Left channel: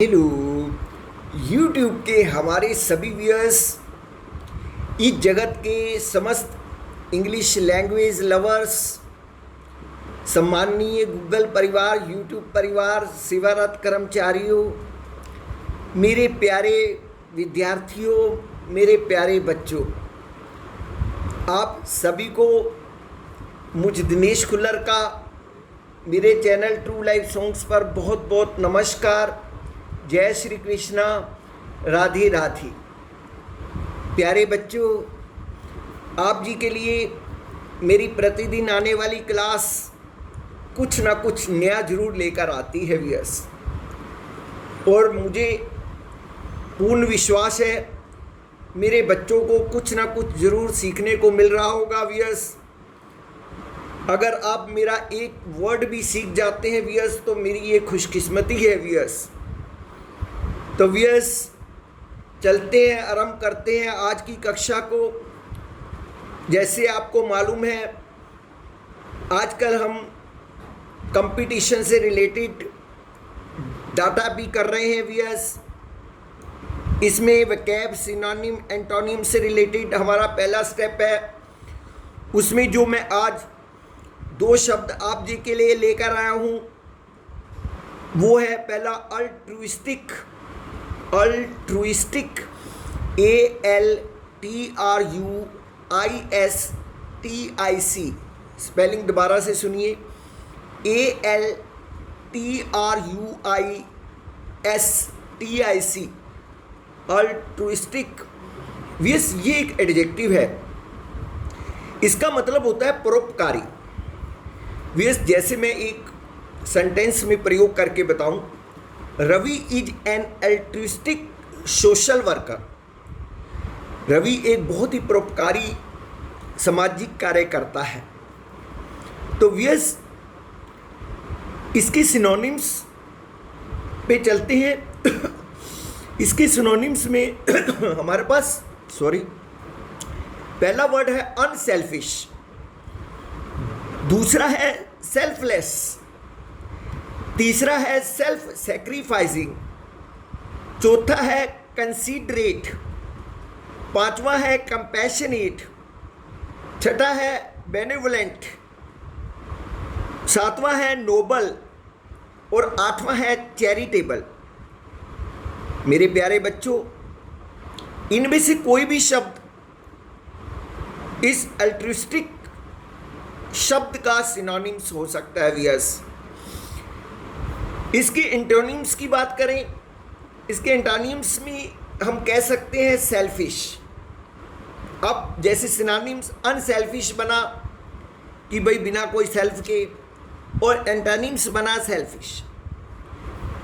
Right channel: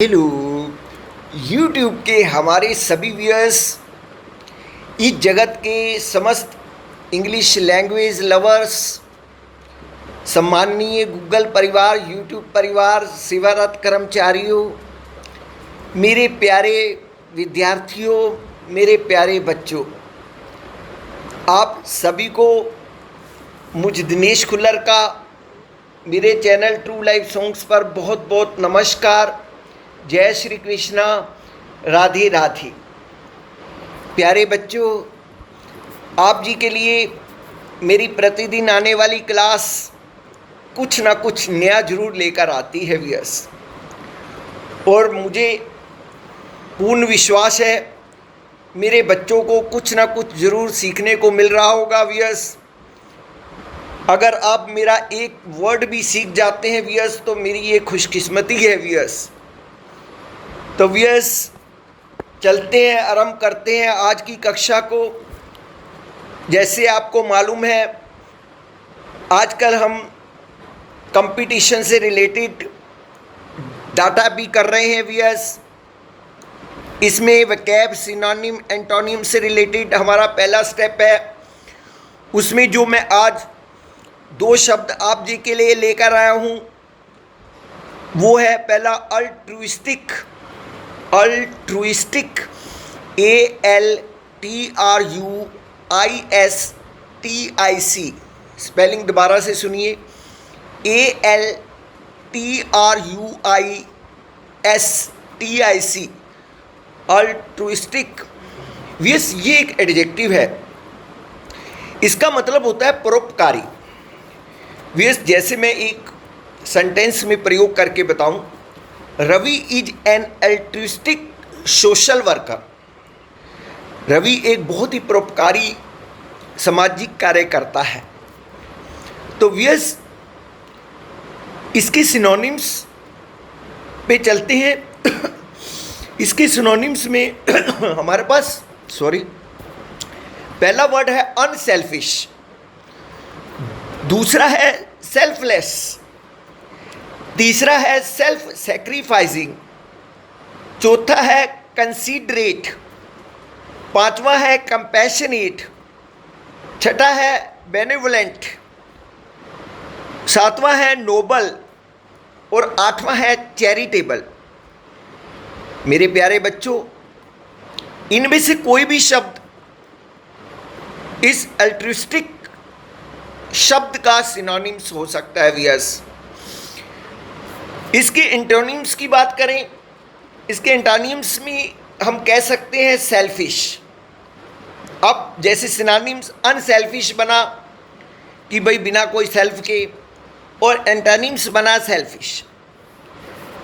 Hello YouTube के हमारे सभी व्यूअर्स, इस जगत के समस्त इंग्लिश लैंग्वेज लवर्स, सम्माननीय गूगल परिवार, यूट्यूब परिवार, सेवारत कर्मचारियों, मेरे प्यारे विद्यार्थियों, मेरे प्यारे बच्चों, आप सभी को मुझ दिनेश खुल्लर का मेरे चैनल ट्रू लाइफ सॉन्ग्स पर बहुत बहुत नमस्कार। जय श्री कृष्णा, राधे राधे। प्यारे बच्चों, आप जी के लिए मेरी प्रतिदिन आने वाली क्लास कुछ ना कुछ नया जरूर लेकर आती है व्यूअर्स, और मुझे पूर्ण विश्वास है मेरे बच्चों को कुछ ना कुछ ज़रूर सीखने को मिल रहा होगा व्यूअर्स। अगर आप मेरा एक वर्ड भी सीख जाते हैं व्यूअर्स तो मेरी ये खुशकिस्मती है व्यूअर्स। तो व्यूअर्स, चलते हैं, आरंभ करते हैं आज की कक्षा को। जैसे आपको मालूम है, आजकल हम कंपटीशन से रिलेटेड डाटा भी कर रहे हैं व्यूअर्स। इसमें वोकैब, सिनोनिम, एंटोनिम से रिलेटेड हमारा पहला स्टेप है। उसमें जो मैं आज दो शब्द आप जी के लिए लेकर आया हूँ वो है पहला अल्ट्रुइस्टिक। Altruistic, ALTRUISTIC। स्पेलिंग दोबारा से सुनिए, ALTRUISTIC, अल्ट्रुइस्टिक। ये एक एडजेक्टिव है। इसका मतलब होता है परोपकारी। जैसे मैं एक सेंटेंस में प्रयोग करके बताऊं, Ravi is an altruistic social worker. Ravi एक बहुत ही परोपकारी सामाजिक कार्य करता है। तो व्यस इसके सिनोनिम्स पे चलते हैं। इसके सिनोनिम्स में हमारे पास पहला वर्ड है अनसेल्फिश, दूसरा है सेल्फलेस, तीसरा है सेल्फ सैक्रिफाइसिंग, चौथा है कंसीडरेट, पांचवा है कंपैशनेट, छठा है बेनेवोलेंट, सातवां है नोबल और आठवां है चैरिटेबल। मेरे प्यारे बच्चों, इनमें से कोई भी शब्द इस अल्ट्रुइस्टिक शब्द का सिनोनिम्स हो सकता है व्यूअर्स। इसके एंटोनिम्स की बात करें, इसके एंटोनिम्स में हम कह सकते हैं सेल्फिश। अब जैसे सिनोनिम्स अनसेल्फिश बना कि भाई बिना कोई सेल्फ के, और एंटोनिम्स बना सेल्फिश।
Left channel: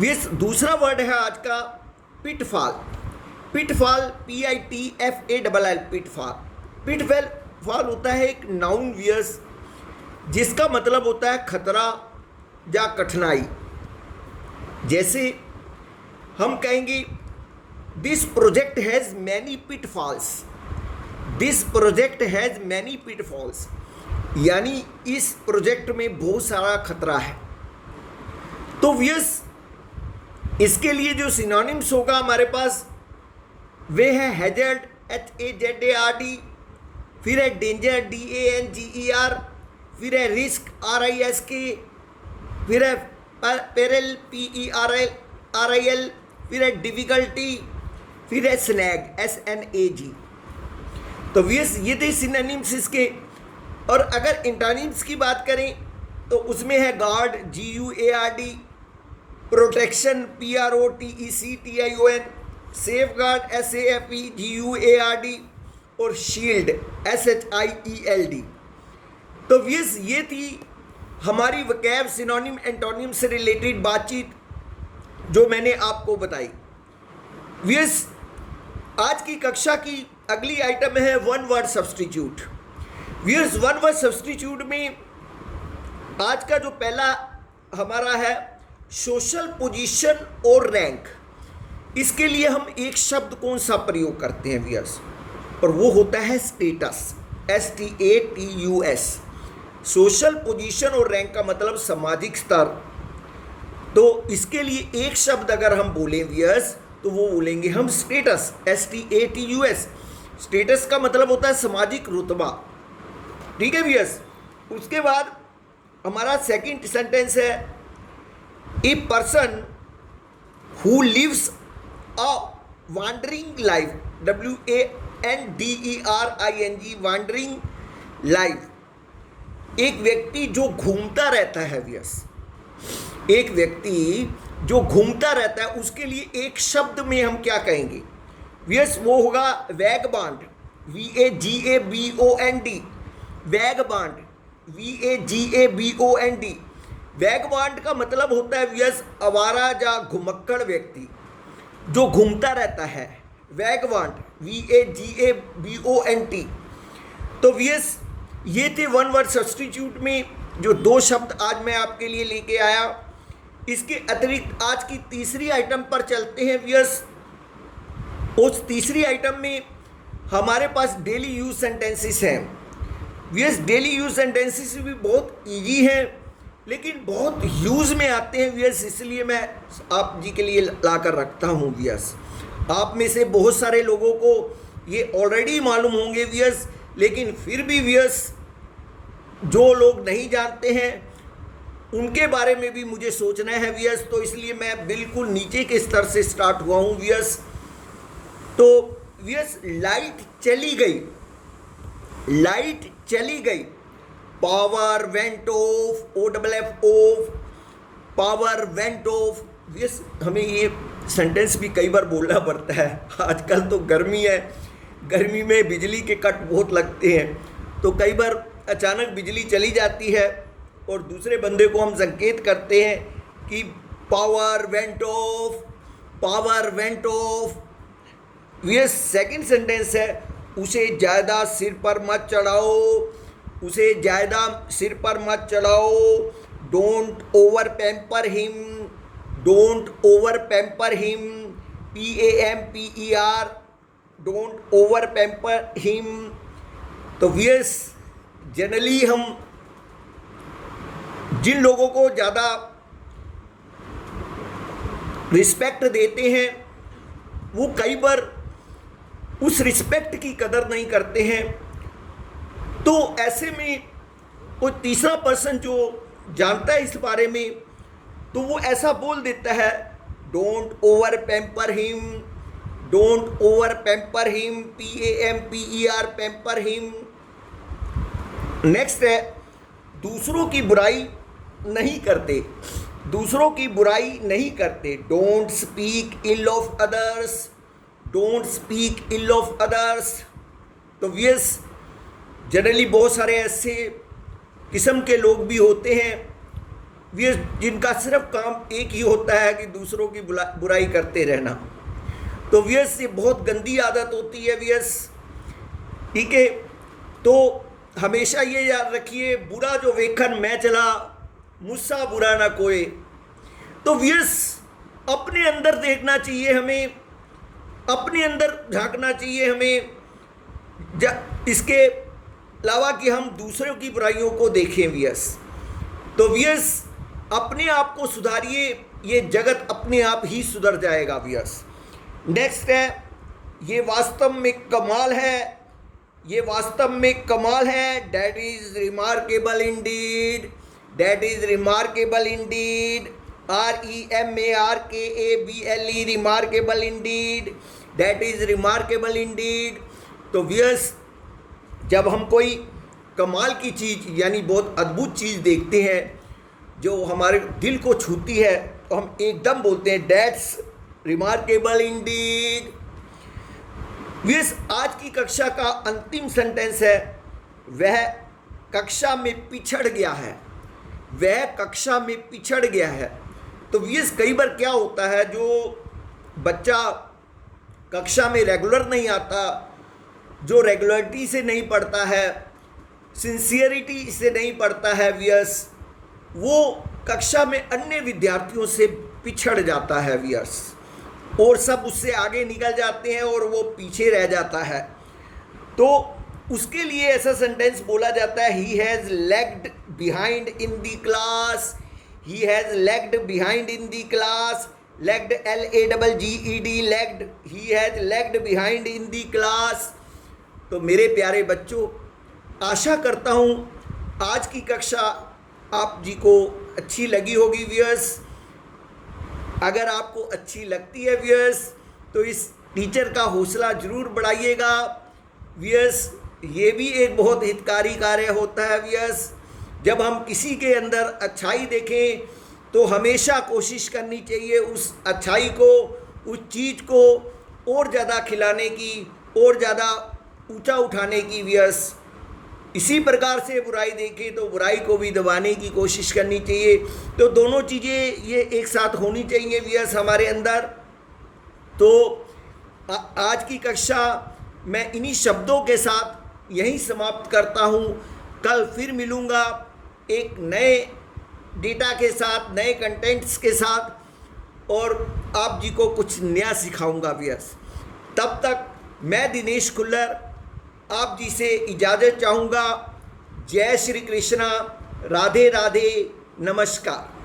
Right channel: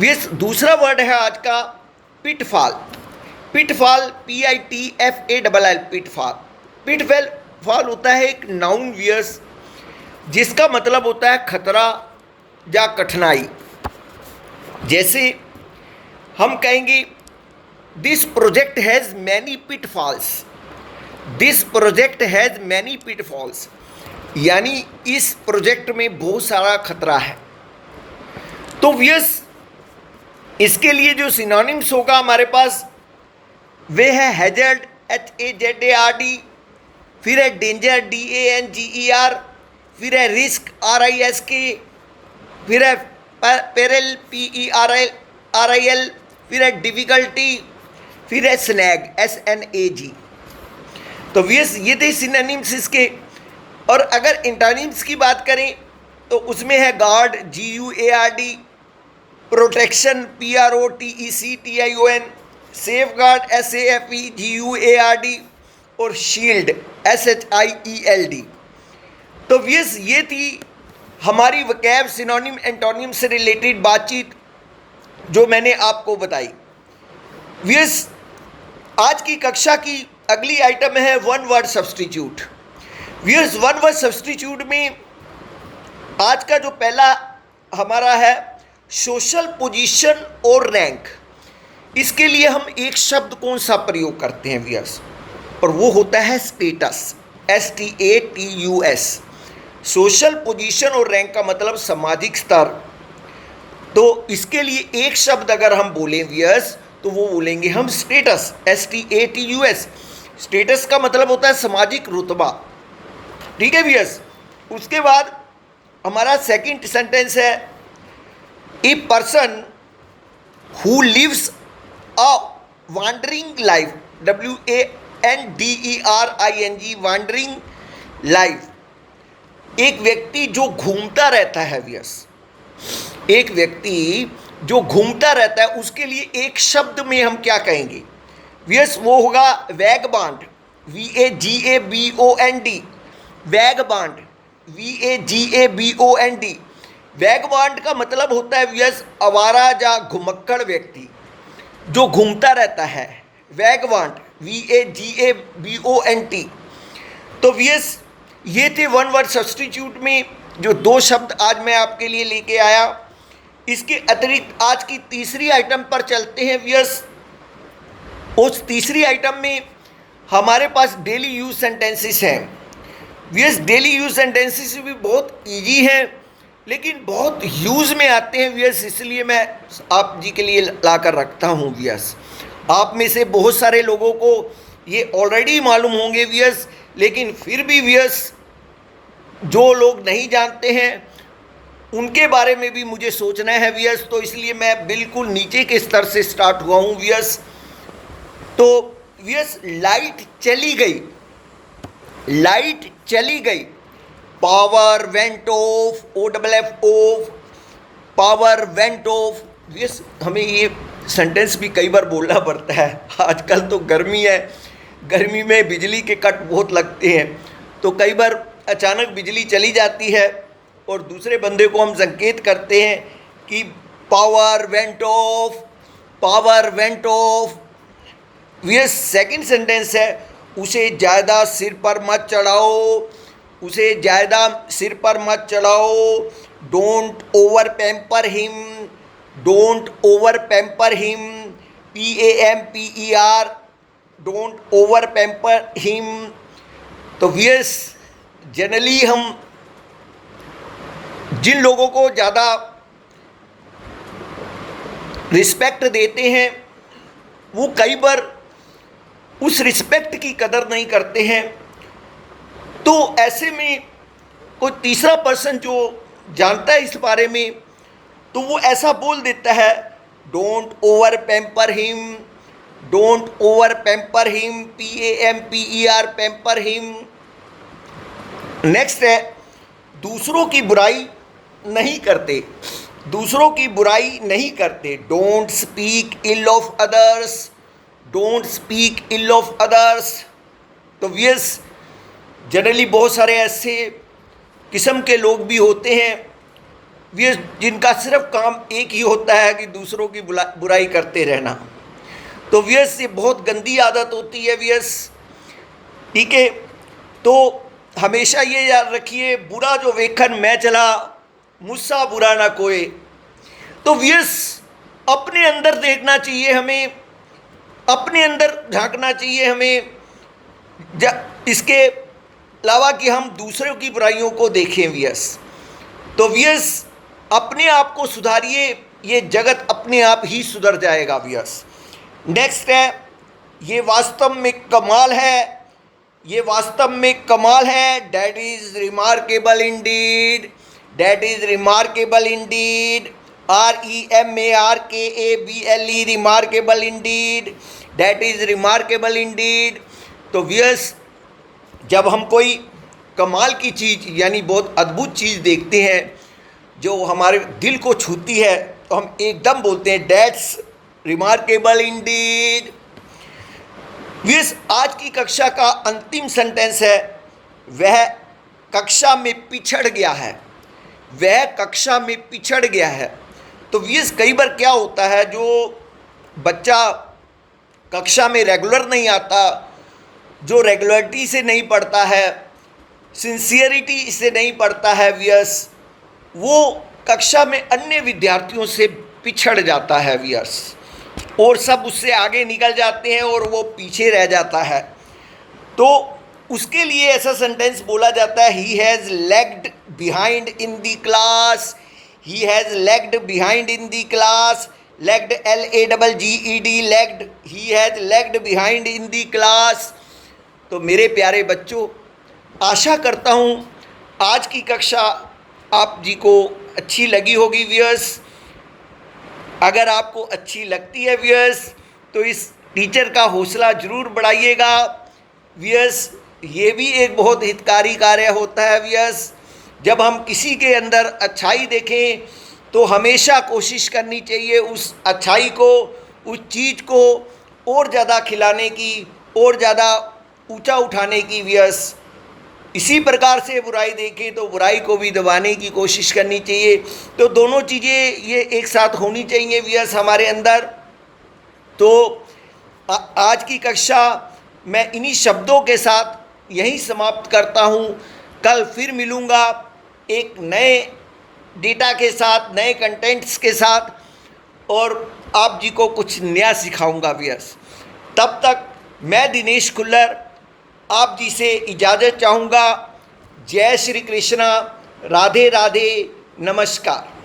ये दूसरा वर्ड है आज का pitfall. Pitfall, PITFALL, pitfall. Pitfall होता है एक नाउन व्यूअर्स, जिसका मतलब होता है खतरा या कठिनाई। जैसे हम कहेंगे this project has many pitfalls. This project has many pitfalls, यानी इस प्रोजेक्ट में बहुत सारा खतरा है। तो व्यस इसके लिए जो सिनोनिम्स होगा हमारे पास वे है हैजर्ड, HAZARD, फिर है डेंजर, DANGER, फिर है रिस्क, RISK, फिर है पेरिल, PERIL, फिर है डिफ़िकल्टी, फिर है स्नैग, SNAG। तो ये थे सिनोनिम्स इसके। और अगर एंटोनिम्स की बात करें तो उसमें है guard, GUARD, protection, PROTECTION, safe guard, SAFEGUARD, और शील्ड, SHIELD। तो ये थी हमारी वोकैब, सिनोनिम, एंटोनिम से रिलेटेड बातचीत जो मैंने आपको बताई। व्यस आज की कक्षा की अगली आइटम है वन वर्ड सब्स्टिट्यूट। व्यस वन वर्ड सब्स्टिट्यूट में आज का जो पहला हमारा है सोशल पोजीशन और रैंक। इसके लिए हम एक शब्द कौन सा प्रयोग करते हैं व्यस, और वो होता है स्टेटस, STATUS। सोशल पोजीशन और रैंक का मतलब सामाजिक स्तर। तो इसके लिए एक शब्द अगर हम बोलें वियर्स, तो वो बोलेंगे हम स्टेटस, STATUS। स्टेटस का मतलब होता है सामाजिक रुतबा, ठीक है वियर्स। उसके बाद हमारा सेकंड सेंटेंस है, a person who lives a wandering life, WANDERING, wandering life. एक व्यक्ति जो घूमता रहता है वियर्स, एक व्यक्ति जो घूमता रहता है, उसके लिए एक शब्द में हम क्या कहेंगे वियर्स, वो होगा वैगबांड, VAGABOND, वैगबांड, VAGABOND। वैगबांड का मतलब होता है वियर्स आवारा या घुमक्कड़ व्यक्ति जो घूमता रहता है, वैगबांड, VAGABOND। तो वियर्स ये थे वन वर्ड सब्स्टिट्यूट में जो दो शब्द आज मैं आपके लिए लेके आया। इसके अतिरिक्त आज की तीसरी आइटम पर चलते हैं वियर्स। उस तीसरी आइटम में हमारे पास डेली यूज सेंटेंसेस हैं वियर्स। डेली यूज सेंटेंसेस भी बहुत इजी हैं लेकिन बहुत यूज़ में आते हैं वियर्स, इसलिए मैं आप जी के लिए ला कर रखता हूँ वियर्स। आप में से बहुत सारे लोगों को ये ऑलरेडी मालूम होंगे वियर्स, लेकिन फिर भी वियर्स जो लोग नहीं जानते हैं उनके बारे में भी मुझे सोचना है वियर्स। तो इसलिए मैं बिल्कुल नीचे के स्तर से स्टार्ट हुआ हूँ वियर्स। तो वियर्स लाइट चली गई, लाइट चली गई, power went off, OFF off, power went off. वियर्स हमें ये सेंटेंस भी कई बार बोलना पड़ता है। आजकल तो गर्मी है, गर्मी में बिजली के कट बहुत लगते हैं, तो कई बार अचानक बिजली चली जाती है और दूसरे बंदे को हम संकेत करते हैं कि power went off, power went off. वियर्स सेकंड सेंटेंस है, उसे ज़्यादा सिर पर मत चढ़ाओ, उसे ज़्यादा सिर पर मत चढ़ाओ। Don't over pamper him, don't over pamper him, PAMPER, don't over pamper him. तो वियर्स जनरली हम जिन लोगों को ज़्यादा रिस्पेक्ट देते हैं वो कई बार उस रिस्पेक्ट की कदर नहीं करते हैं। तो ऐसे में कोई तीसरा पर्सन जो जानता है इस बारे में तो वो ऐसा बोल देता है, don't over pamper him, don't over pamper him, PAMPER, pamper him. Next है, दूसरों की बुराई नहीं करते, दूसरों की बुराई नहीं करते। Don't speak ill of others, don't speak ill of others. तो वियर्स जनरली बहुत सारे ऐसे किस्म के लोग भी होते हैं वियर्स जिनका सिर्फ काम एक ही होता है कि दूसरों की बुराई करते रहना। तो वियर्स ये बहुत गंदी आदत होती है वियर्स, ठीक है। तो हमेशा ये याद रखिए, बुरा जो वेखन मैं चला, मुझसा बुरा ना कोई। तो वियर्स अपने अंदर देखना चाहिए हमें, अपने अंदर झांकना चाहिए हमें, इसके अलावा कि हम दूसरों की बुराइयों को देखें वियर्स। तो वियर्स अपने आप को सुधारिए, ये जगत अपने आप ही सुधर जाएगा वियर्स। नेक्स्ट है, ये वास्तव में कमाल है, ये वास्तव में कमाल है। That is remarkable Indeed, that is remarkable Indeed, REMARKABLE, remarkable Indeed, that is remarkable Indeed. तो वियर्स जब हम कोई कमाल की चीज़ यानी बहुत अद्भुत चीज़ देखते हैं जो हमारे दिल को छूती है तो हम एकदम बोलते हैं डैट्स रिमार्केबल इंडीड। वियर्स आज की कक्षा का अंतिम सेंटेंस है, वह कक्षा में पिछड़ गया है, वह कक्षा में पिछड़ गया है। तो वियर्स कई बार क्या होता है, जो बच्चा कक्षा में रेगुलर नहीं आता, जो रेगुलरिटी से नहीं पढ़ता है, सिंसियरिटी से नहीं पढ़ता है वियर्स, वो कक्षा में अन्य विद्यार्थियों से पिछड़ जाता है वियर्स, और सब उससे आगे निकल जाते हैं और वो पीछे रह जाता है। तो उसके लिए ऐसा सेंटेंस बोला जाता है, he has lagged behind in the class, he has lagged behind in the class, lagged, LAGGED, lagged, he has lagged behind in the class। तो मेरे प्यारे बच्चों, आशा करता हूँ आज की कक्षा आप जी को अच्छी लगी होगी व्यूअर्स। अगर आपको अच्छी लगती है व्यूअर्स तो इस टीचर का हौसला ज़रूर बढ़ाइएगा व्यूअर्स। ये भी एक बहुत हितकारी कार्य होता है व्यूअर्स। जब हम किसी के अंदर अच्छाई देखें तो हमेशा कोशिश करनी चाहिए उस अच्छाई को, उस चीज़ को और ज़्यादा खिलाने की, और ज़्यादा ऊंचा उठाने की व्यूअर्स। इसी प्रकार से बुराई देखें तो बुराई को भी दबाने की कोशिश करनी चाहिए। तो दोनों चीज़ें ये एक साथ होनी चाहिए व्यूअर्स हमारे अंदर। तो आज की कक्षा मैं इन्हीं शब्दों के साथ यहीं समाप्त करता हूँ। कल फिर मिलूँगा एक नए डेटा के साथ, नए कंटेंट्स के साथ, और आप जी को कुछ नया सिखाऊंगा व्यूअर्स। तब तक मैं दिनेश खुल्लर आप जी से इजाज़त चाहूँगा। जय श्री कृष्णा, राधे राधे, नमस्कार।